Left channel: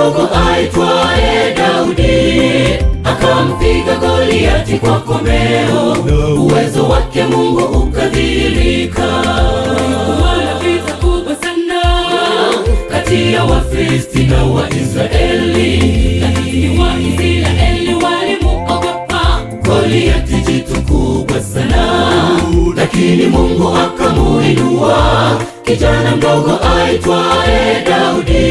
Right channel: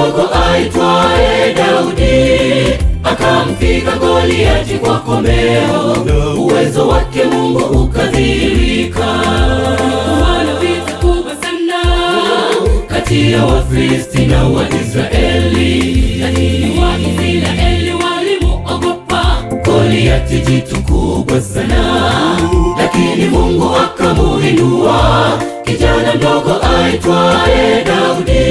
mdogo aitwaye Daudi akampiga Goliati kwa komeo, uwezo wake Mungu ukadhihirika. Wana vita kubwa sana kati ya Wafilisti na Waisraeli, lakini Waisraeli walimuogopa Goliati, jitu kubwa sana, lakini Mungu akamuinua kijana mdogo aitwaye Daudi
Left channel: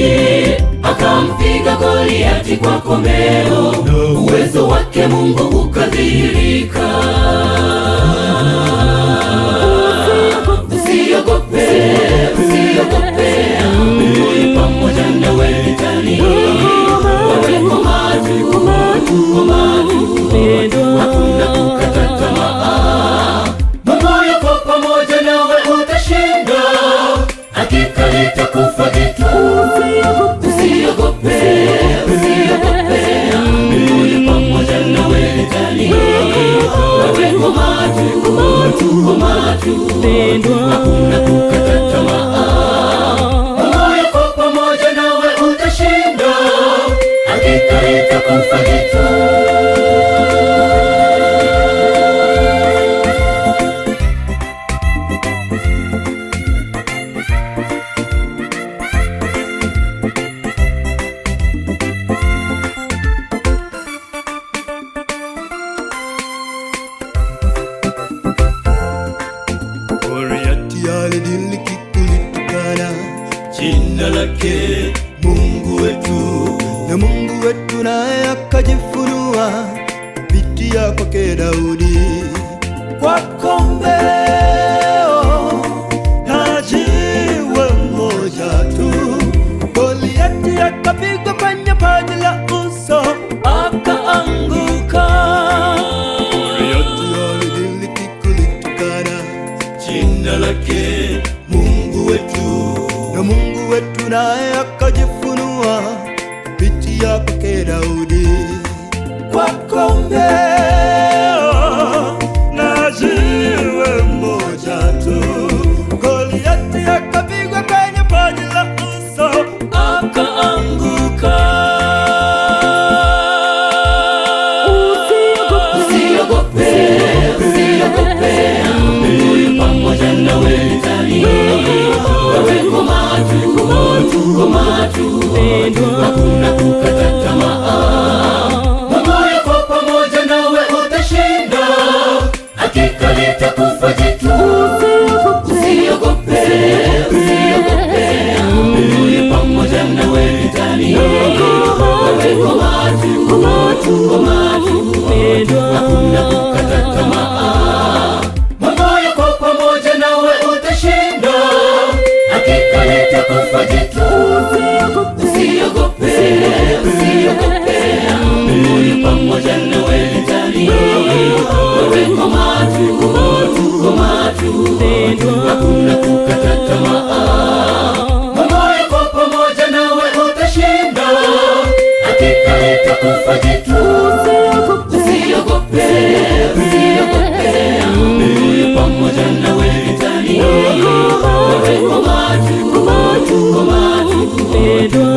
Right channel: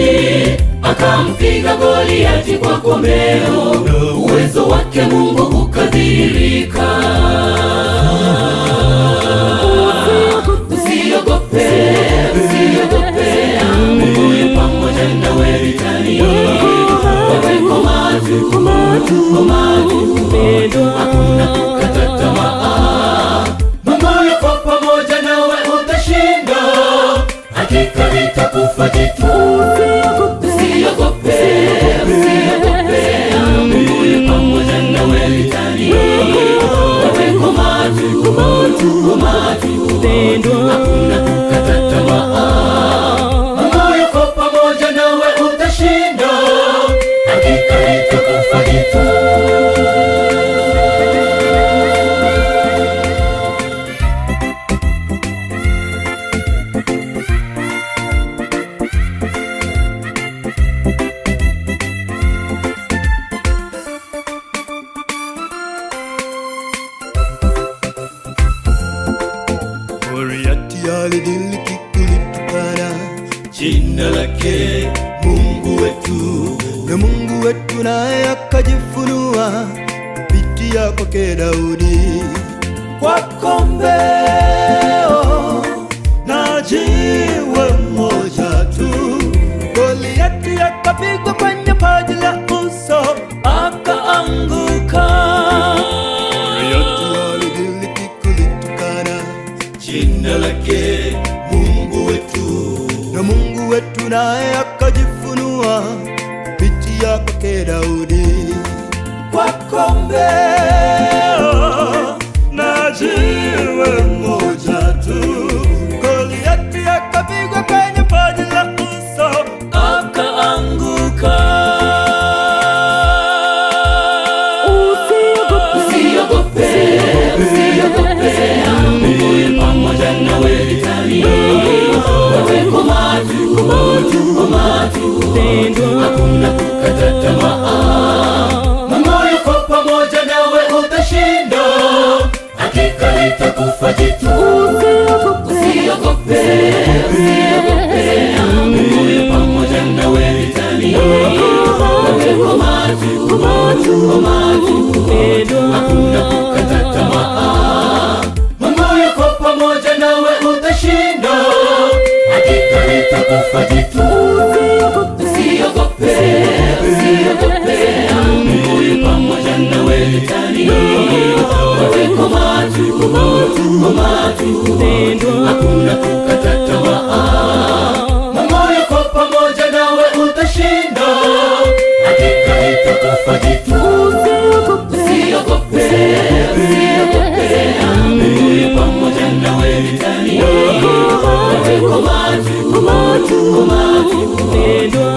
akampiga Goliati kwa komeo, uwezo wake Mungu ukadhihirika. Usiogope, usiogope, Mungu yu pamoja nawe vitani. Weko macho, mpendwa, hakuna kukata tamaa. Mungu yupo pamoja nawe, utashinda, hakika litakufa jitu. Usiogope, usiogope, Mungu yu pamoja nawe vitani. Weko macho, mpendwa, hakuna kukata tamaa. Mungu yupo pamoja nawe, utashinda, hakika litakufa jitu. Goliati alidhihaki kulitukana jina lake Mungu wetu, na Mungu wetu naye akajifunua kupitia kwake Daudi. Kwa komeo na jiwe moja tu, Goliati akapigwa kwenye paji la uso akaanguka. Goliati alidhihaki kulitukana jina lake Mungu wetu, na Mungu wetu naye akajifunua kupitia kwake Daudi. Kwa komeo na jiwe moja tu, Goliati akapigwa kwenye paji la uso akaanguka. Usiogope, Mungu yu pamoja nawe vitani. Weko macho, mpendwa, hakuna kukata tamaa. Mungu yuko pamoja nawe, utashinda, hakika litakufa jitu. Usiogope, Mungu yu pamoja nawe vitani. Weko macho, mpendwa, hakuna kukata tamaa. Mungu yuko pamoja nawe, utashinda, hakika litakufa jitu. Usiogope, Mungu yu pamoja nawe vitani. Weko macho, mpendwa, hakuna kukata tamaa. Mungu yuko pamoja nawe, utashinda, hakika litakufa jitu. Usiogope, Mungu yu pamoja nawe vitani. Weko macho, mpendwa.